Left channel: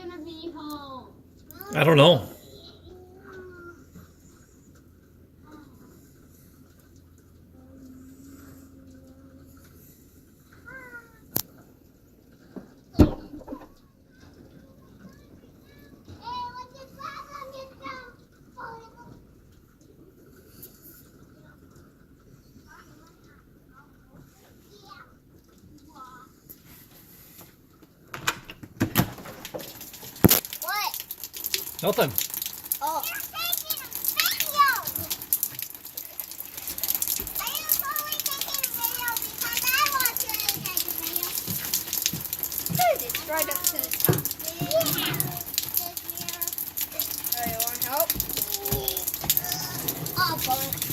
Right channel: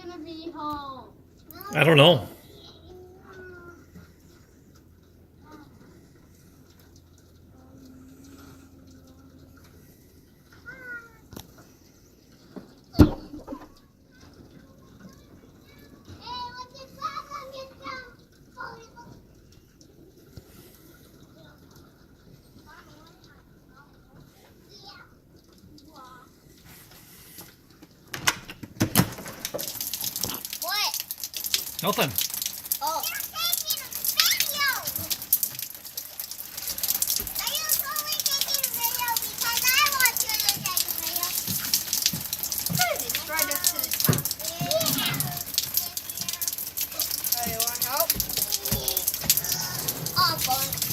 gonna be home? I don't know. What? Nothing. Oh. It's right up to the top. Yeah. Oh, you want help? Oh, boy.